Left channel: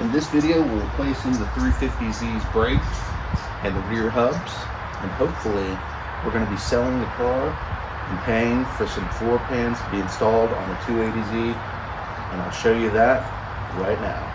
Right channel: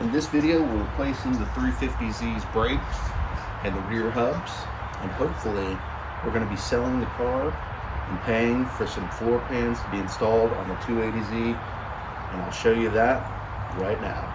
In this video, we're replacing the 350Z's brakes and the rear hubs, and hopefully we're going to be selling the car and paying for some floor pans to be installed on the 280Z, and I'll show you that right now.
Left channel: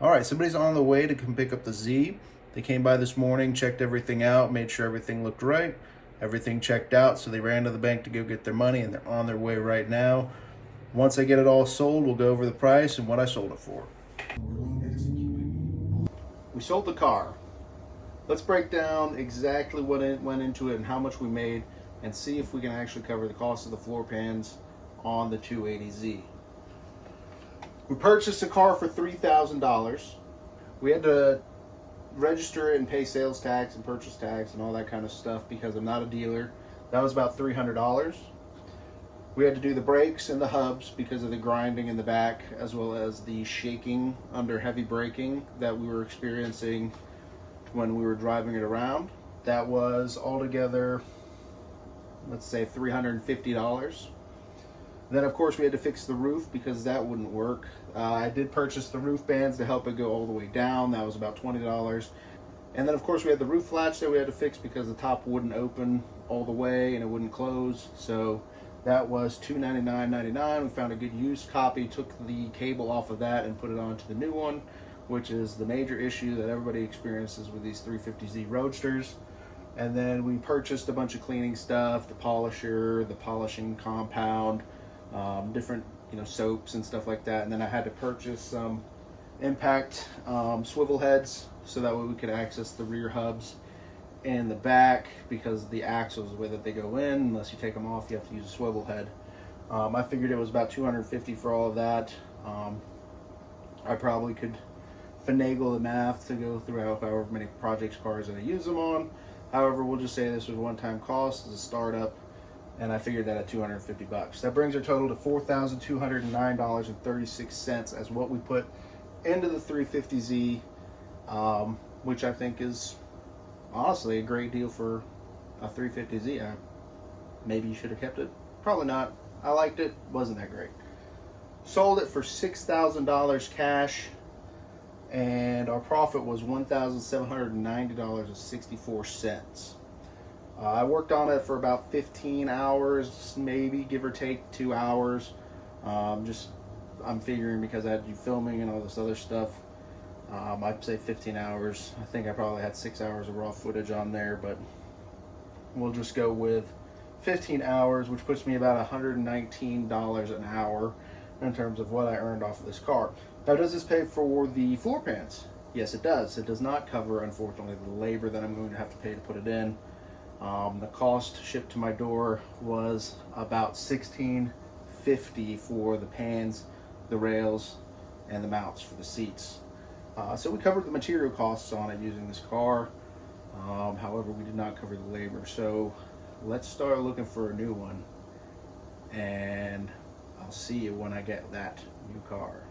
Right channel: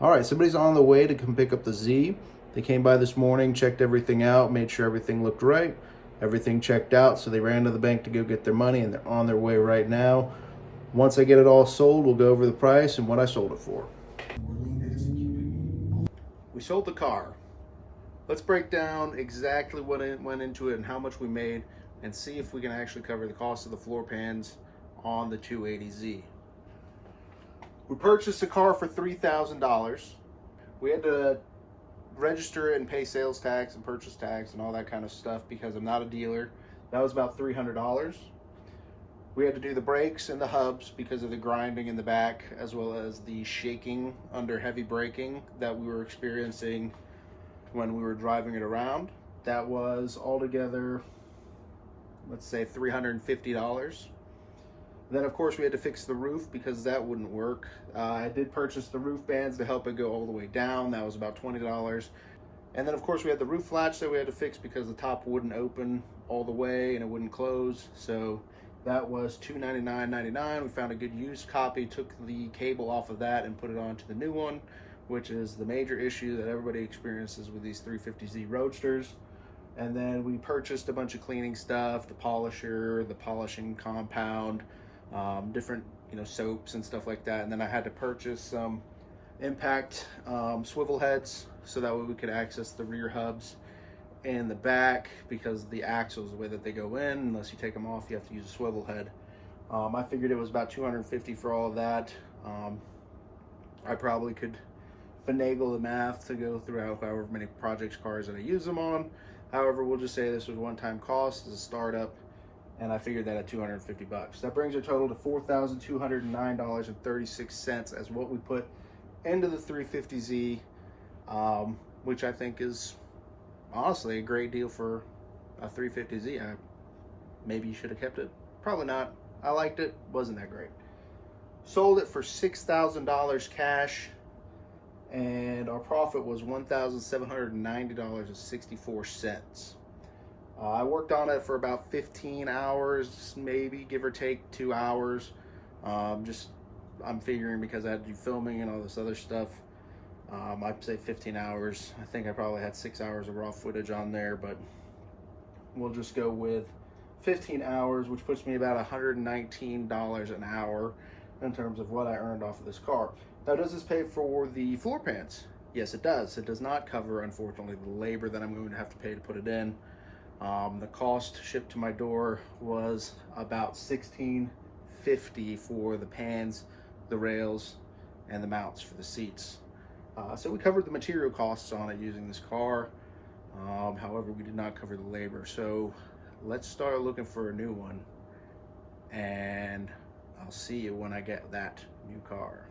All right, somebody's on the way to come pick up the Z. They came by this morning, checked everything out, made sure everything looked right. Everything checked out, so they ran to the bank to go get their money, and they're on their way right now. Once I get it all sold, we'll go over the price and what I sold it for. We sold the car. Let's break down exactly what went into it and how much we made, and see if we can actually cover the cost of the floor pans on the 280Z. We purchased the car for $3,000. We had to register it and pay sales tax and purchase tax and all that kind of stuff because I'm not a dealer. That was about $300. We had to do the brakes and the hubs because of the grinding in the back, as well as the shaking under heavy braking that we were experiencing when we were driving it around. That was altogether, let's say, $350. Then of course we had to fix the roof because that wouldn't work. I did purchase the roof bands to help it go all the way down. That was about $20. And then of course we had the roof latch that we had to fix because the top wouldn't open all the way and it wouldn't close. So that was $299.99. We found a good used copy, took the cable off of that and put it onto the new one, which is the major issue that everybody experiences with these 350Z Roadsters. And then we purchased a bunch of cleaning stuff, the polisher, the polishing compound, different soaps and stuff like that. And then I had to purchase some impact swivel heads so that way we could access the rear hubs in the back, because the axles, the way that they go in, unless you take them off, you have to use a swivel head. I figured it was about $250 for all of that. I probably could finagle the math to go through however many projects cars that I use them on. However, we'll just say this was one-time cost as a startup, and I figured that at $250. That brings our total to $4,209.36 as what we put into the 350Z, which I think is honestly a great deal for a 350Z. Maybe you should have kept it. Probably not. I liked it. Wasn't that great. Sold it for $6,000 cash, and our profit was $1,790.64. I worked on it for about 15 hours, maybe, give or take 2 hours. I'm figuring because I had to do filming and all this other stuff. I'd say 15 hours. I think I probably had 6 hours of raw footage on there, but we'll just go with 15 hours, which puts me about $119 an hour in terms of what I earned off of this car. Now, does this pay for the floor pans? Yes, it does. It does not cover, unfortunately, the labor that I'm going to have to pay to put it in. The cost shipped to my door was about $16.50 for the pans, the rails, and the mounts for the seats. So we covered the material costs on it using this car. However, we did not cover the labor. So let's start looking for a new one, and I'll see you when I get that new car.